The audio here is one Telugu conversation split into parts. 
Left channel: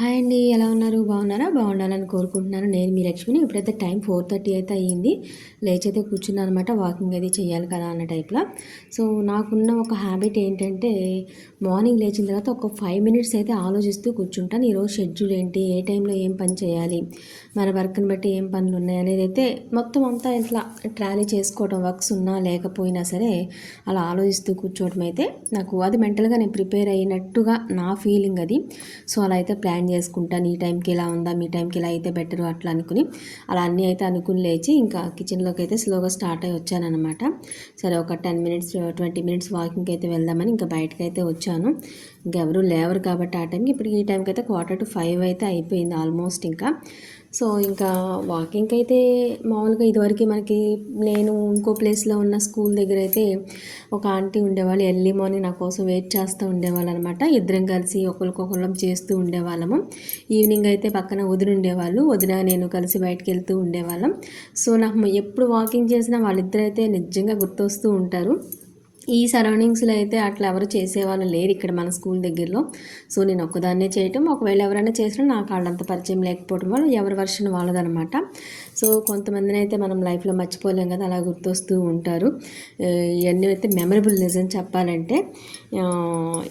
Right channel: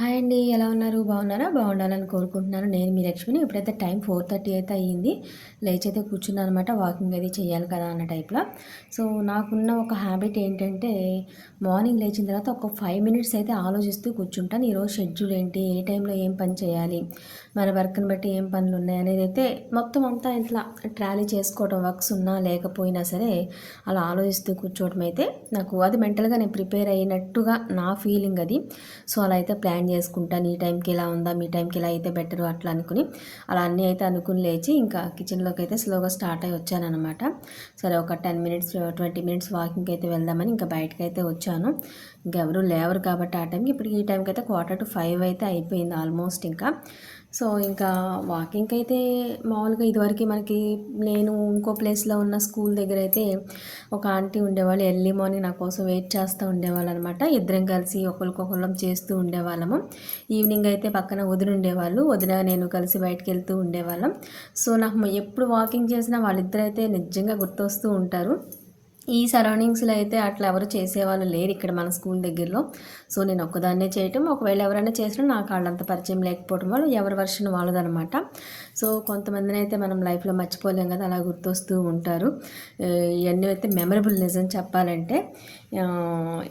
హాయ్ అండి ఎలా ఉన్నారు? బాగున్నారా? బాగుండాలని కోరుకుంటున్నాను. నేను మీ లక్ష్మిని. ఇప్పుడైతే టైం ఫోర్ థర్టీ అయితే అయ్యింది లేచి అయితే కూర్చున్నాను అనమాట వాకింగ్ అది చేయాలి కదా అన్న టైప్లో. సో నాకున్న ఒక హ్యాబిట్ ఏంటంటే మార్నింగ్ లేచిన తర్వాత ఒక ఫైవ్ మినిట్స్ అయితే ఆలోచిస్తూ కూర్చుంటాను. ఈరోజు షెడ్యూల్ ఏంటి? ఏ టైంలో ఏం పని చేయాలి? మన వర్క్ని బట్టి ఏం పనులు ఉన్నాయి అనేది అయితే మొత్తం అంతా ఇట్లా ట్రాలీ చేసుకోవడం వర్క్స్ ఉన్నా లేకపోయినా సరే అలా ఆలోచిస్తూ కూర్చోవడం అయితే నాకు అది మెంటల్గా నేను ప్రిపేర్ అయినట్టుగా నా ఫీలింగ్ అది. సో అలా అయితే ప్లాన్ చేసుకుంటాను ఈ టైంకి ఇలా ఉందా మీ టైంకి ఇలా అయితే బెటర్ అట్లా అనుకుని అలా అన్నీ అయితే అనుకుని లేచి ఇంకా కిచెన్లోకి అయితే స్లోగా స్టార్ట్ అయ్యి వచ్చానమాట సరే ఒక టెన్ మినిట్స్ ట్వంటీ మినిట్స్ వాకింగ్కి అయితే వెళ్దామని ఇంకా బయటకు అయితే వచ్చాను. ఇంకెవరూ లేవరు కాబట్టి ఆ టైంకి ఇప్పుడు ఈ టైంకి అయితే క్వార్టర్ టు ఫైవ్ అయితే అయిపోయింది ఆల్మోస్ట్ ఇంకా. సో ఇంకా వాకింగ్కి అయితే మామూలుగా ఇదివరకు మనకి నేను ఇంకో ప్లేస్లో ఉన్న స్కూల్ దగ్గర అయితే ఒక ఆంటీ ఉండేవాళ్ళు. ఎర్లీ మార్నింగ్ నా కోసం వెయిట్ చేస్తూ ఉండేవాళ్ళు అనమాట ఇద్దరం కలిసి ఒకరికొకరం చేస్తూ ఉండేవాళ్ళము. ఈవినింగ్ అయితే పక్కన వదిన ఉండేవాళ్ళు. వదిన నేను కలిసి బయటకు వెళ్తూ ఉండేవాళ్ళం. సో నాకు ఎప్పుడు వాకింగ్ చేసినా వాళ్ళిద్దరైతే నిజంగా గుర్తొస్తూ ఉంటారు. ఈ సరౌండింగ్స్లో అయితే అట్లా ఎవరు చేసేవాళ్ళు లేరు ఇక్కడ మన స్కూల్ దగ్గరలో. సో నేను ఒక్కదాన్నే చేయటం. ఒకవేళ ఎవరైనా చేసినా నాకు వాళ్ళంత పరిచయం లేకపోవడం వల్ల ఎవరి వర్షన్ వాళ్ళదనమాట. సో కొంతమందిని అయితే మనం లైఫ్లో మర్చిపోలేం కదా అలా గుర్తొస్తూ ఉంటారు. ఇవన్నీ అయితే మెమరబుల్ నిజం చెప్పాలంటే.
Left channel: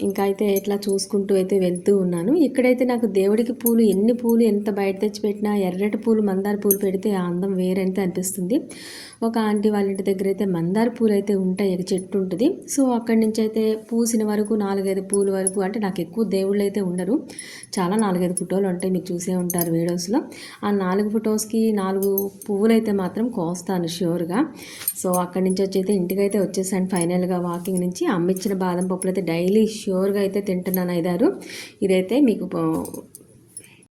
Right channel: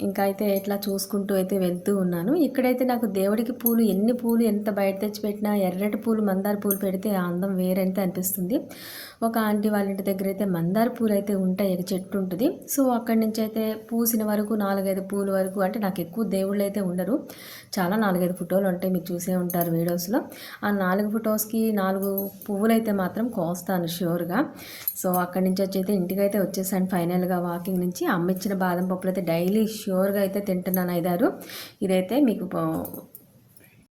ఇంకా అయితే ఇట్లా చూసుకుంటూ అయితే వెళ్తూ ఉన్నాను. ఇక్కడైతే నాకు దేవుడికి పూలు ఎన్ని పూలు ఎంత బయట తెచ్చి పెట్టినా ఎర్రటి పూలు మందార పూలు పెడితే ఆ అందం వేరంతే అనిపిస్తుంది. ఒక ఆంటీ వాళ్ళ ఇంటి దగ్గర అయితే మందార పూలు అయితే ఉంటాయి చెట్టు ఉంటుంది. సో అక్కడి నుంచి అయితే పూసిన వరకు నాలుగైదు పూలు వరకు అంటే నాకు ఎక్కువ దేవుళ్ళు అయితే ఉండరు. చాలా నాలుగైదు ఫోటోలు ఉంటాయి మీరు చూసే ఉంటారు వీడియోస్లో. ఆ నాలుగు ఫొటోస్కి నాలుగు పువ్వులు అయితే మాత్రం కోస్తాను ష్యూర్గా సో అక్కడి నుంచి వచ్చి అయితే ఇంటికైతే వచ్చేసాను ఫైనల్గా వాకింగ్ నుంచి. అమ్మిచ్చిన బాదం పప్పులు ఇప్పుడైతే డైలీ ష్యూర్గా అయితే తింటున్నాను ఐదారు ఇదైతే మీకు